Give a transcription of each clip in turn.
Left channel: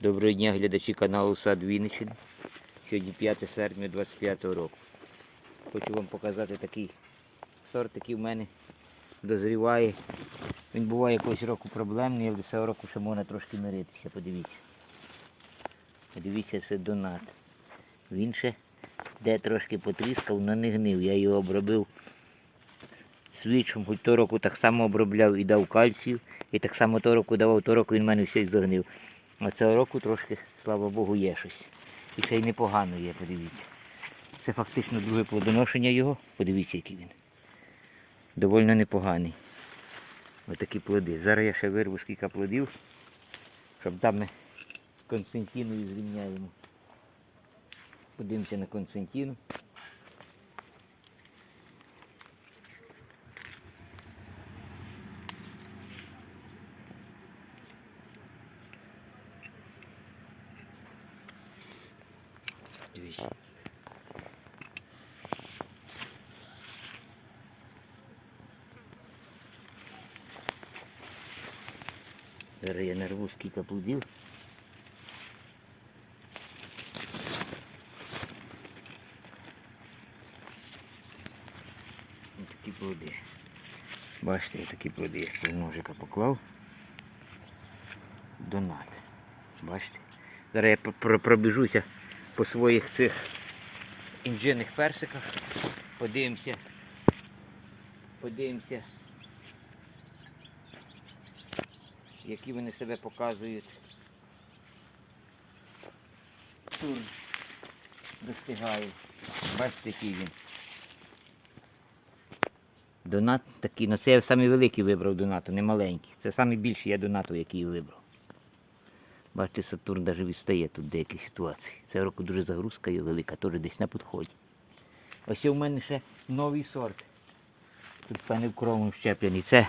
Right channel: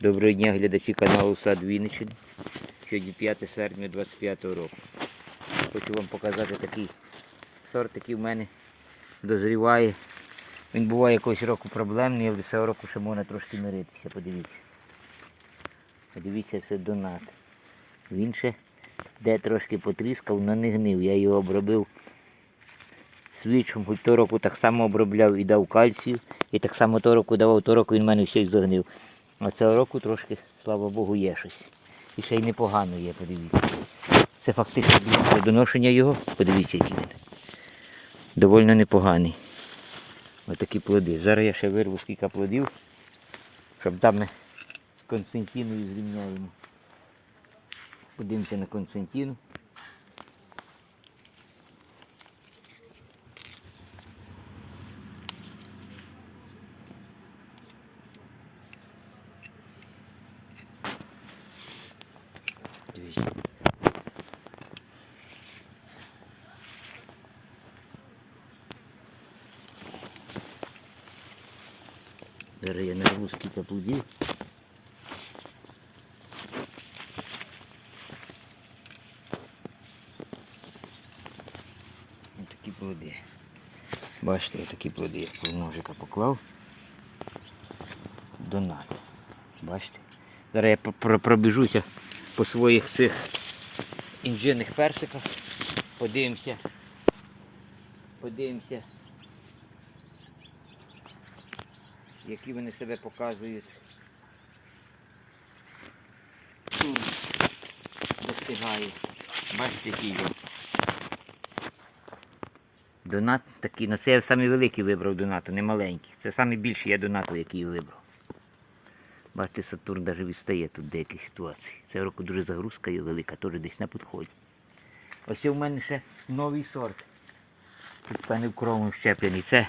Доброго дня, глядачі каналу Сад Вінниччини. Сьогодні 5 серпня 25 року. Хочу вам показати такий сорт, який в мене дозріває. Він буває якогось року проблемний, але цього року ще можна трошки миритися. Подивіться. Подивіться, це донат. Він ще де трошки потріскав, але не гнив. Я його обробив свічом, хоч того року так само обробляв і дав кальцію. І так само того року давав, того року він в мене все загнив. А цього року трошки, слава Богу, є щось. І ще й непогано є, подивіться. Це фактично дивіться доношення його. Подивіться, який він. Доволі непоганий. Отакі плоди. Зараз я ще вирву скільки плодів, щоб там ми з Константиною зрівняємо. Подивимося на Константину. Дивіться. Зараз я нарву скільки плодів. Ось такі плоди. Бачите, я такі плоди, я з ножика поклав. Донат. Бачите? Зараз я пр- пробіжуся по своїх цих інжирних персиках. Подивимося. Подивимося. Які вони себе показують. Тут достигають. Бачите, який він. Донат такий, ну це я самий великий вибрав донату, не маленький. Це найбільший я донату, який вибрав. Бачите, Сатурн навіть відстає тут в деяких ситуації. Цього року дуже загрузка є велика, теж десь на підході. Ось у мене ще новий сорт. Тут певне в кровом щеплений. Це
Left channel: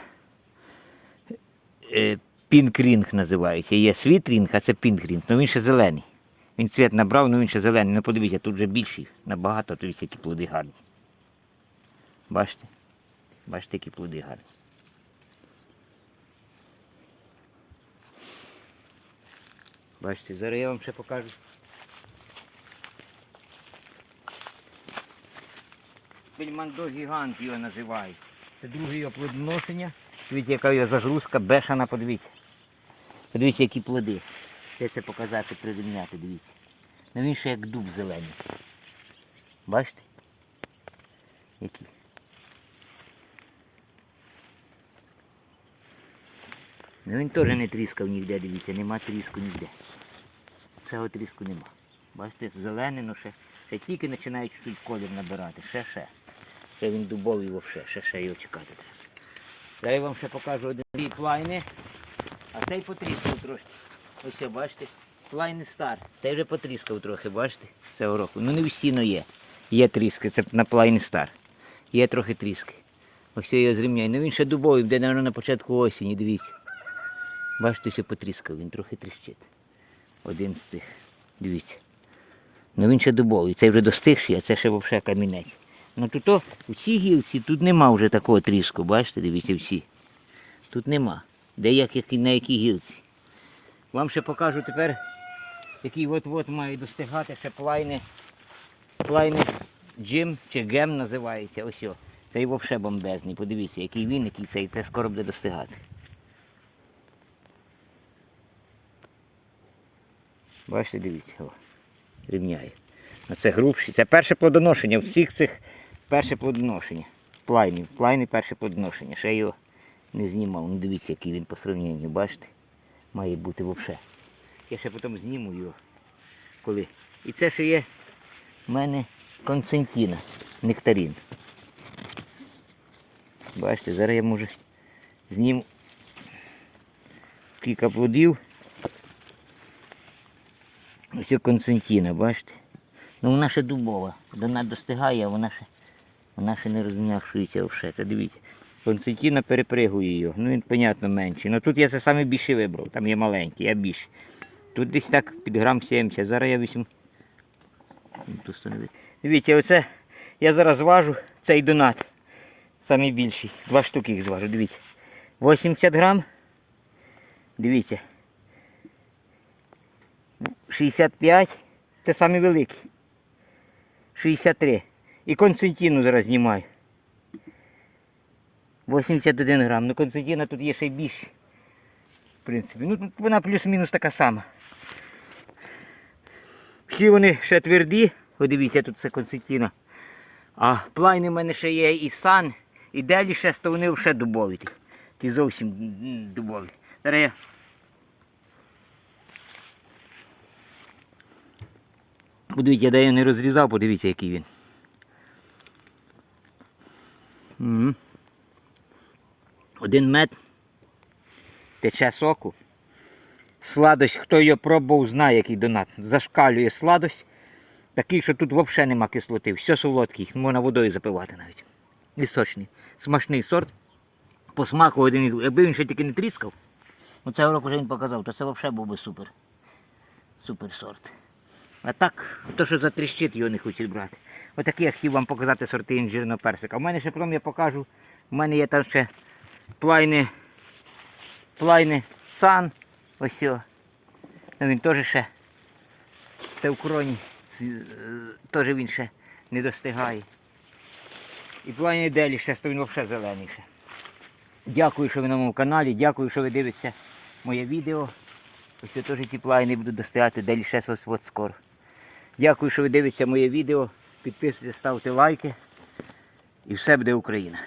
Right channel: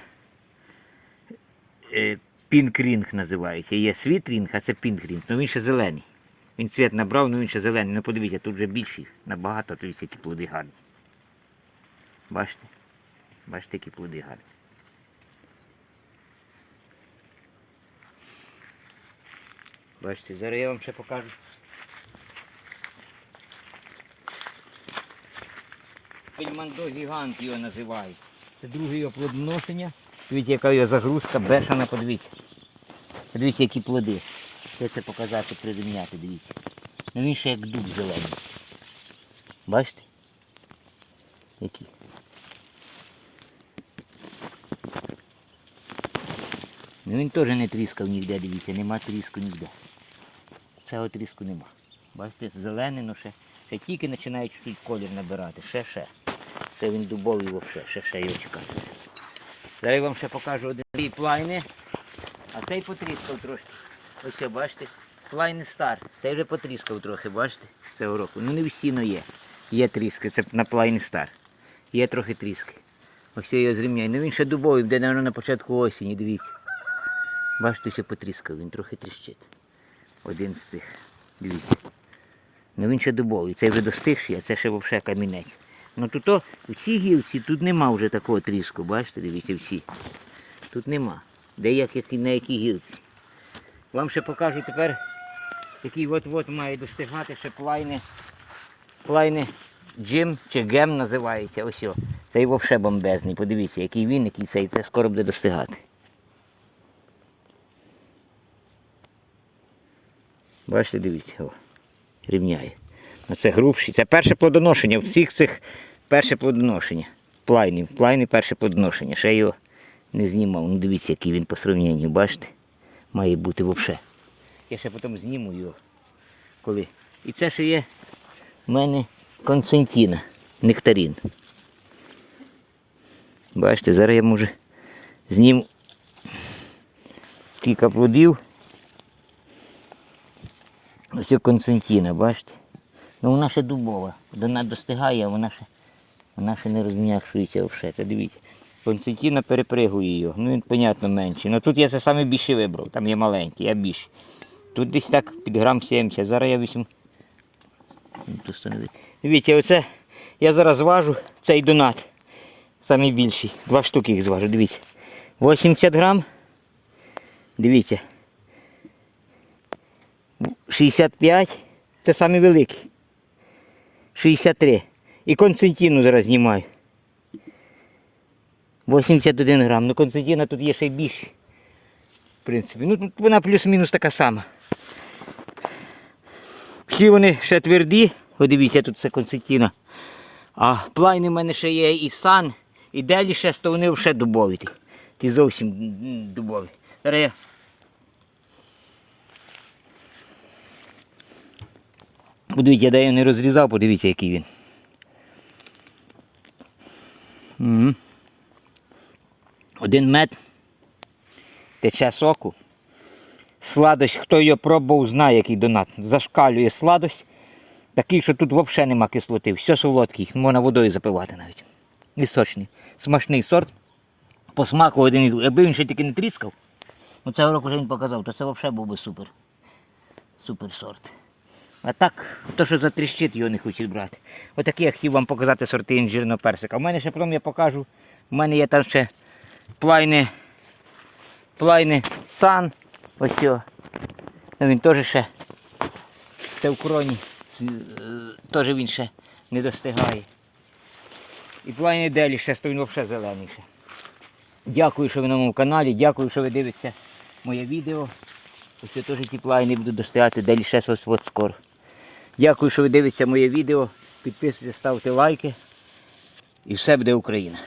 е, пінкрінг називається. Є світрінг, а це пінкрінг. Ну він ще зелений. Він цвіт набрав, але він ще зелений. Ну подивіться, тут вже більший, набагато, дивіться, які плоди гарні. Бачите? Бачите, які плоди гарні. Бачите, зараз я вам ще покажу. Пельмандо гігант його називають. Це друге його плодоношення. Дивіться, яка його загрузка, бешана, подивіться. Подивіться, які плоди. Де це показати, прирівняти, дивіться. Ну він ще як дуб зелений. Бачите? Які? Ну він теж не тріскав ніде, дивіться, нема тріску ніде. Цього тріску нема. Бачите, зелений, ну ще, ще тільки починають чуть колір набирати. Ще ще. Це він дубовий вовше, ще ще його чекати. Зараз я вам ще покажу один плайни. А цей потріскав трохи. Ось бачите. Плайни стар. Цей вже потріскав трохи, бачите? Цього року. Ну не всі, но є. Є тріски, це на плайни стар. Є трохи тріски. Ось я його зрівняю. Ну він ще дубовий, де, мабуть, на початку осені, дивіться. Бачите, все потріскав, він трохи тріщить. Один з цих. Дивіться. Ну він ще дубовий. Цей вже достигший, а це ще взагалі камінець. Ну тут о, у цій гілці тут нема вже такого тріску, бачите, дивіться всі. Тут нема. Де як, як на якій гілці. Вам ще покажу тепер, який от-от має достигати ще плайни. Плайни джим чи гем називається. Ось. о. Цей взагалі бомбезний. Подивіться, який він, який цей, це скоро буде достигати. Бачите, дивіться, о, рівняє. Оце грубші. Це перше плодоношення. Всіх цих перше плодоношення. Плайни. Плайни перше плодоношення. Ще його не знімав. Ну дивіться, який він по сравненню, бачите? Має бути взагалі. Я ще потім зніму його. Коли. І це ще є в мене концентіна, нектарин. Бачите, зараз я може зніму скільки плодів. Ось і Константіна, бачите? Ну вона ще дубова. Вона достигає, а вона ще, вона ще не розм'якшується все. Це дивіться. Константіна перепригує його. Ну він, понятно, менший. Ну тут я це саме більше вибрав, там є маленький, я більше. Тут десь так під грам 70. Зараз я візьму. Ну. Дивіться, оце я зараз зважу цей донат. Самий більший. Два штуки їх зважу, дивіться. 80 грам. Дивіться. 65. Це самий великий. 63. І Константину зараз знімаю. 81 грам. Ну Константина тут є ще й більше. В принципі. Ну тут вона плюс-мінус така сама. Всі вони ще тверді. О, дивіться, тут це Константина. А плайни в мене ще є і сан, і делі ще, то вони ще дубові. Ті, зовсім дубові. Зараз я Подивіться, я де я не розрізав, подивіться, який він. Один мед. Тече соку. Сладость, хто його пробував, знає, який донат. Зашкалює сладость. Такий, що тут взагалі нема кислоти. Все солодкий, можна водою запивати навіть. І сочний. Смачний сорт. По смаку один із. Якби він ще тільки не тріскав, цього року вже він показав, то це взагалі був би супер. Супер сорт. А так, то, що затріщить, його не хочуть брати. Отакі я хотів вам показати сорти інжирного персика. У мене ще потім я покажу. У мене є там ще плайни, плайни сан. Ось о. Ну, він теж ще. Це в кроні. Е, Теж він ще не достигає. І плайни делі ще, то він взагалі зелений ще. Дякую, що ви на моєму каналі, дякую, що ви дивитеся моє відео. Ось я теж ті плайни буду достигати, далі ще ось от скоро. Дякую, що ви дивитеся моє відео. Підписуйтесь, ставте лайки. І все буде Україна.